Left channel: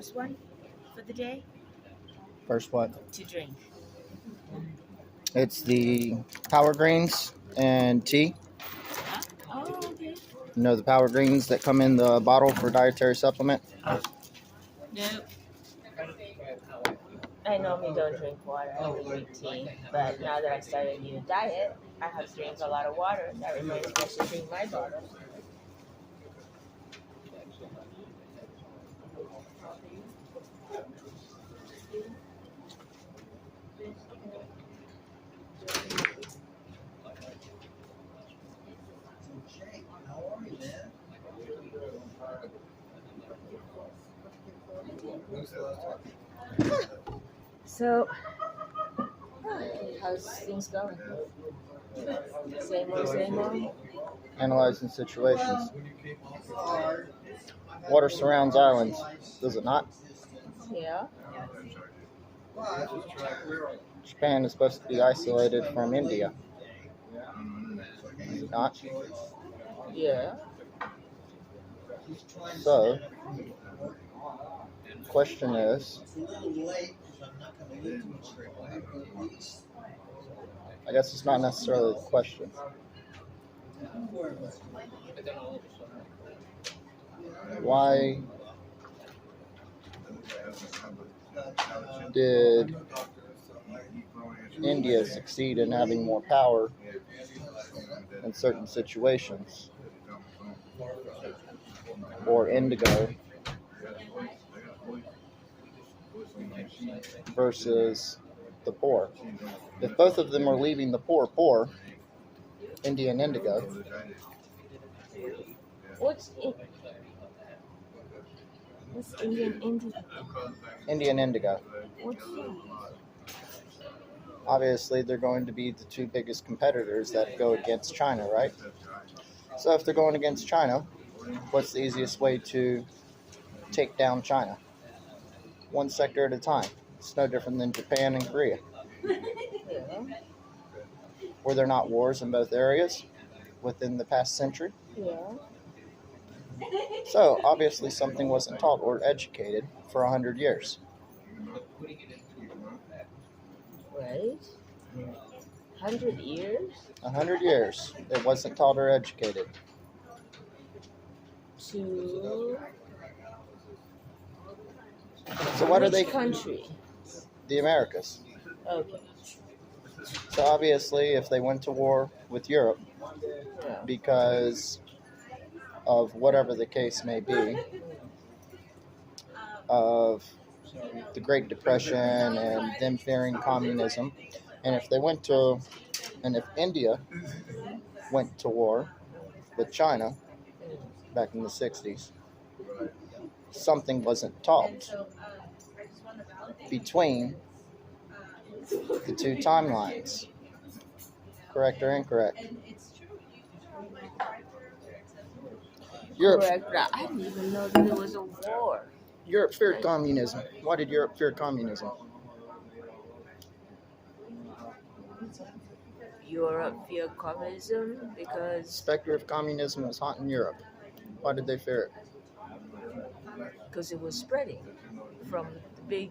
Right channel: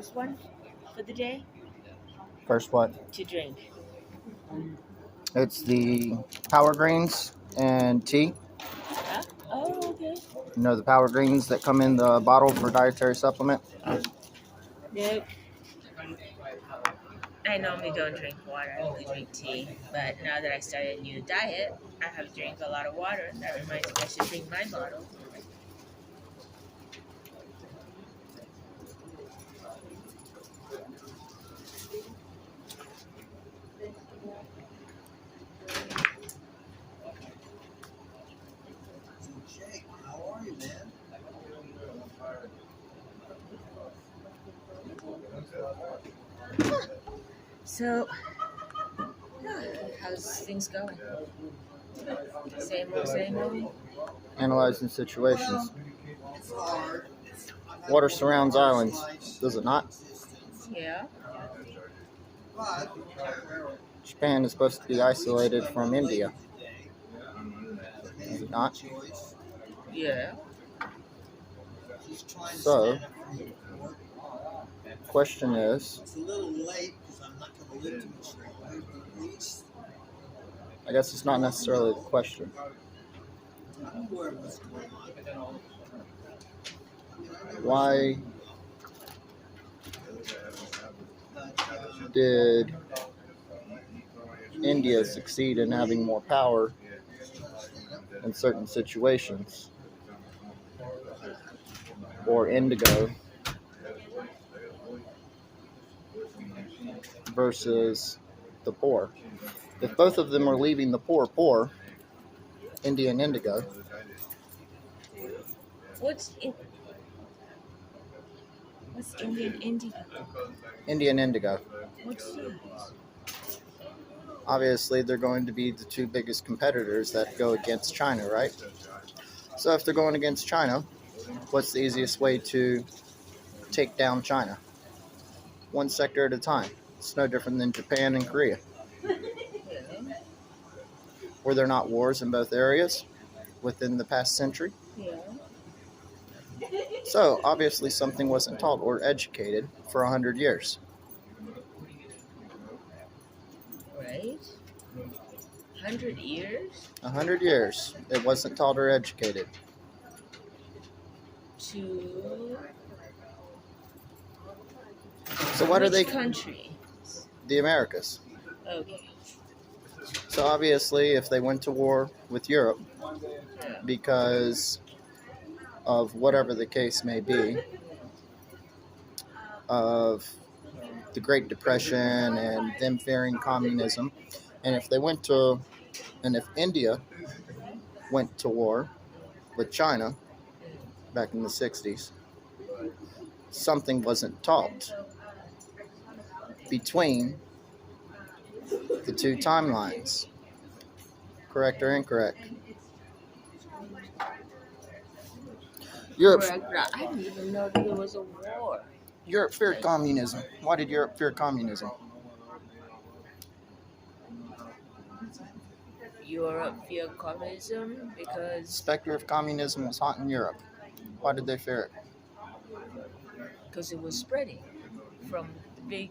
first one for the day First what? to drink? It's the Power Greens and tea. Huh? Oh, okay. You know the Power Greens that come in the bottle for dietary supplement? Nope. I normally don't drink water. I only drink tea. But now that I started a new diet, I have to drink a lot of water. That reminds me I should bring my bottle. Jake, how are you, man? So, how's things going? Same old, same old? Analyzing situations. It's hard. Water surrounds islands, does it not? Yeah. But Japan is supposed to be isolated from India, is it not? Yeah. she's trying to So- stand up for you. Question is, It's a little late because I'm not going to live too much longer, but at least I guess it's not necessarily the question. I'm aware of what's going on. I know Why but, did India succeed in having more power in certain situations? Or indigo versus the poor. If both of them are leaving the poor, India and indigo, What's Indian indigo? India and indigo, What's that? obviously they're going to be the two biggest competitors that go against China, right? So if they're going against China, what's the easiest way to take down China? One sector at a time. It's no different than Japan and Korea. Yeah. Were there not wars in both areas within the past century? Yeah. So obviously something wasn't taught or educated for 100 years. Right? 100 years 100 years, it wasn't taught or educated. to So what are which they? country? The Americas. Okay. So obviously, if they went to war with Europe Yeah. because of whatever the case may be, of the Great Depression and them fearing communism, and if India went to war with China back in the 60s, something wasn't taught between the two timelines. Correct or incorrect? Europe, Correct. But I didn't even know that there was a war. Europe feared communism. Why did Europe fear communism? Europe feared communism The because specter of communism was hot in Europe. Why did they fear it? it was spreading from the big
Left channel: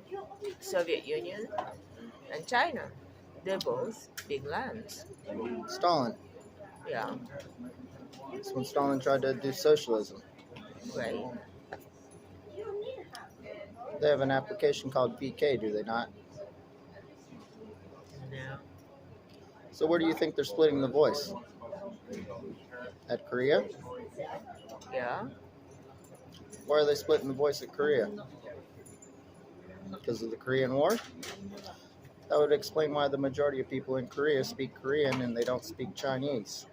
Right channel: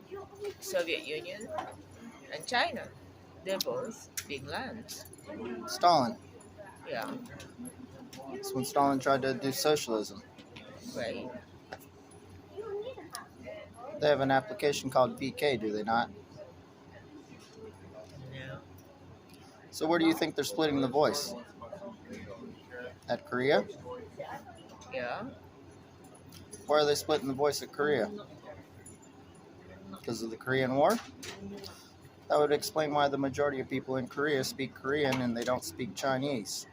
Soviet Union and China. They're both big lands. Stalin. Yeah. That's when Stalin tried to do socialism. Right. They have an application called BK, do they not? No. So where do you think they're splitting the voice? At Korea? Yeah. Why are they splitting the voice at Korea? Because of the Korean War? That would explain why the majority of people in Korea speak Korean and they don't speak Chinese.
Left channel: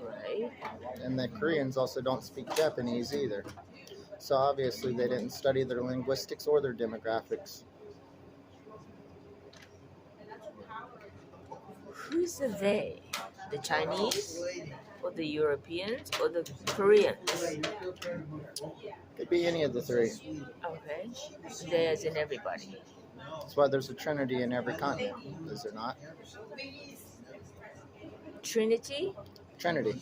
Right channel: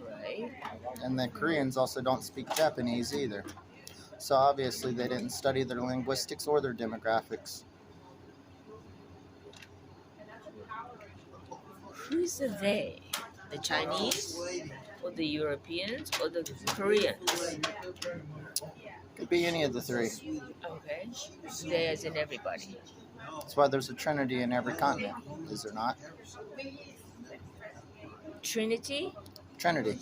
Right. And the Koreans also don't speak Japanese either. So obviously they didn't study their linguistics or their demographics. Who's the they? The Chinese or the Europeans or the Koreans? Could be any of the three. Okay. They as in everybody. That's why there's a trinity in every continent, is there not? Trinity? Trinity.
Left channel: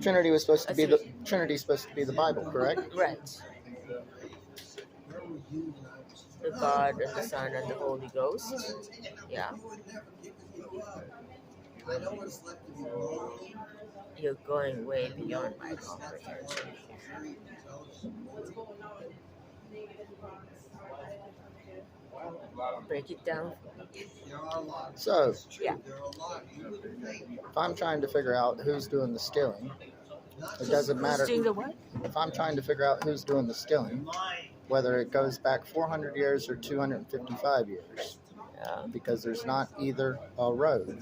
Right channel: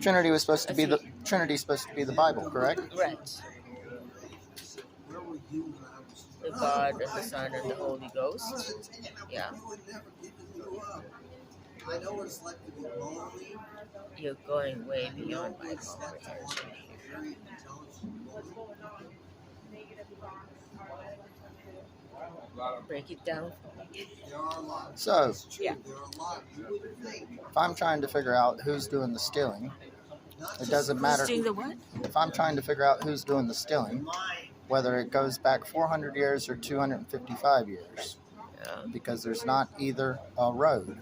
Trinity was supposed to be the Bible, correct? Right. were you when I was the young. God and the Son and the Holy Ghost. Yeah. You would never give you up. I know what it's like to be lonely. You're going way I know beyond what my it's like to want comprehension a here. very intelligent woman. Break it down. There are a lot. So, It's true. Yeah. There are a lot. You wouldn't think. if I'm trying to figure out who's doing the stealing, Not it just doesn't matter. Who's doing the what? If I'm trying to figure out who's doing the stealing, mine. whether it goes back 400 years or 255 years, because there's not either a road.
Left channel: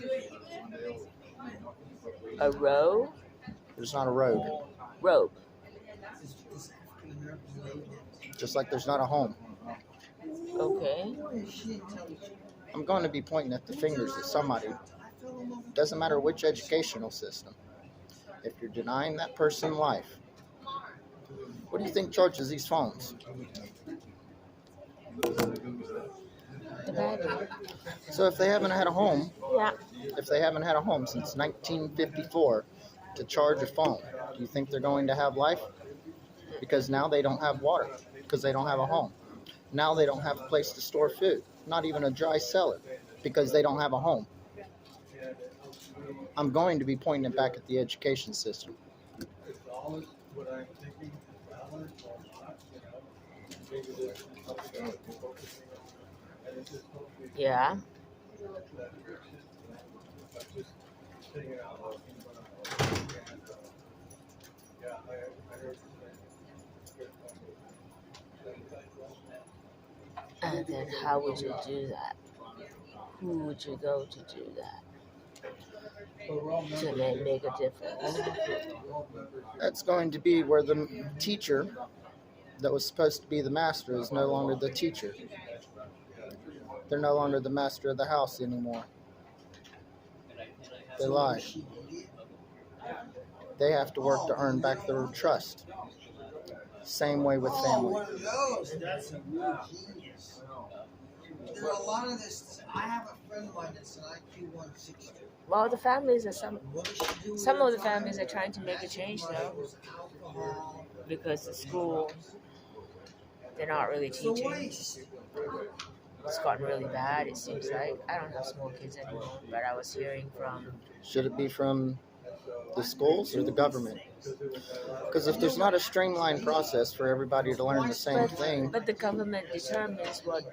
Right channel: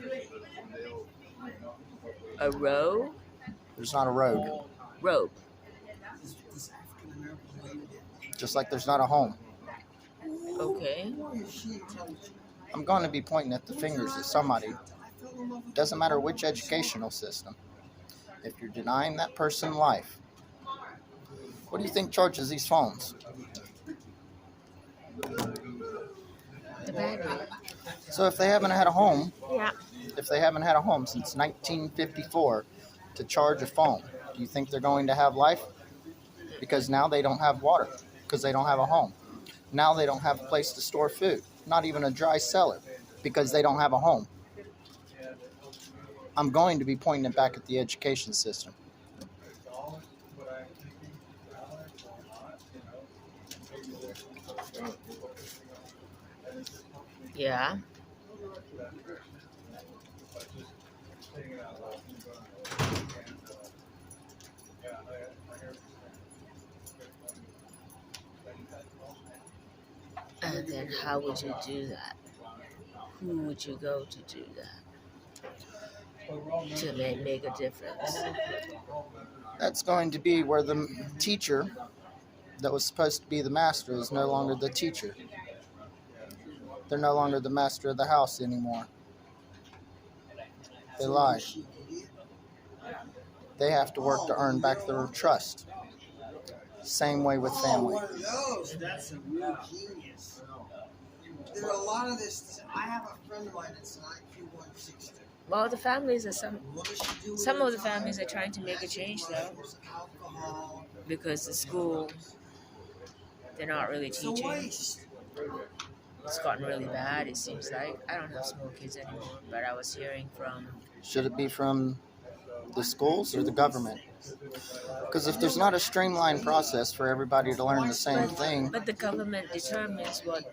A row? There's not a road. Robe. This African American lady that Just like there's not a home. Okay. boy, is she intelligent. I'm going to be pointing at the fingers of somebody. I fell in love with Doesn't matter which educational system. If you're denying that person life, what do you think charges these phones? The battery. So if they haven't had a home, Yeah. if they haven't had a home since 1954 to charge a phone, do you think they're going to have life? Because now they don't have water, because they don't have a home. Now they don't have a place to store food, not even a dry cellar, because they don't have a home. I'm going to be pointing it back at the education system. Yeah. And then how would you do that? Who would you go to do that? To make a difference. That's going to be where the teacher that was supposed to be the master is no longer the teacher. They're no longer the master of the house anymore. They lie. she did. They have to work to earn back their trust. Same way with Oh, family. one of those. That's a real genius. There are a lot of this. I have a friend of mine that's an IQ 160. Well, the families are What does she do with some her of the time? families are trying to make a change though, Mushrooms, alcohol. because the school they're not really It's a teaching. waste. It's gotten really bad. It seems like I don't have small kids anymore, but I was hearing from Should it be from the schools or the government? Because if there's not a streamlined process for everybody to learn the same thing, but the government determines what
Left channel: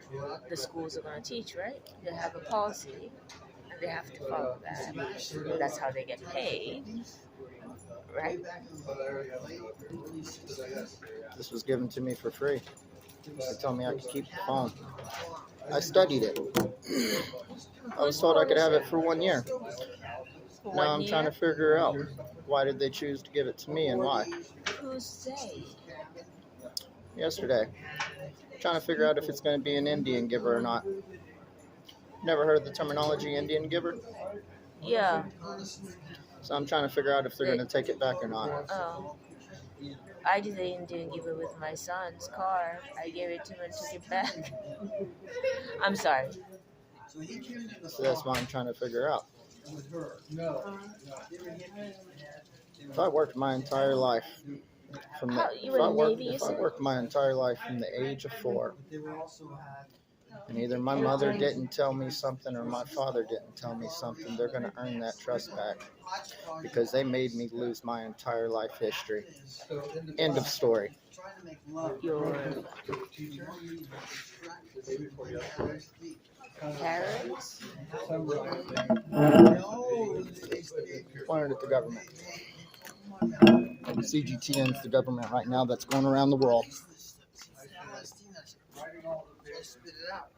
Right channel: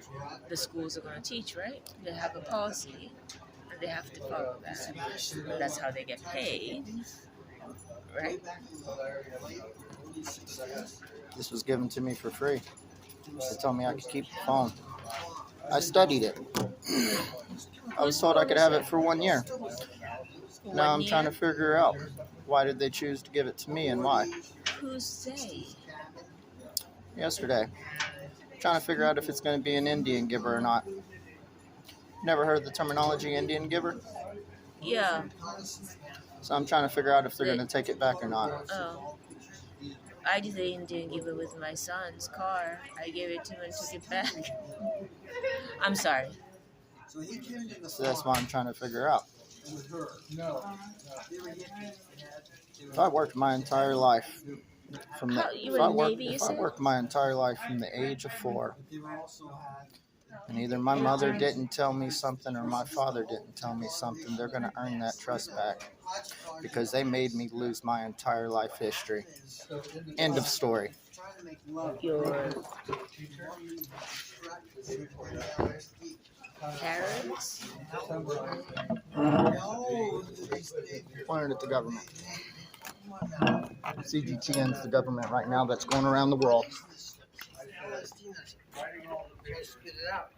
the schools are going to teach, right? They have a policy, and they have to follow that. And that's how they get paid, Way right? back in the late early 60s. this was given to me for free. They told me I could keep the phone. I studied it. I was told I could have it for 1 year. For Now 1 I'm year. trying to figure out why did they choose to give it to me and why. Who's they? Yesterday, trying to figure out if it's going to be an Indian giver or not. Never heard the terminology Indian giver, Yeah. so I'm trying to figure out if they're going to take it back or not. Oh. I did the Indian giver with my son's car. I gave it to him and took it back. I'm sorry. So he came to the So that's farm why I'm trying to figure out. with her. No. They were hippies. If I worked my entire life from the, How- you were in the Navy, you if I said? worked my entire life from the age of 4, They were also had and either my mother didn't tell me something or my father didn't tell me something, they're going to earn that trust back hodgepodge. because they made me lose my entire life history. So End of story. Trying to make love. Your parents? No, Pointed at the government. CGTN's the government right now that's going around the world. Spit it out.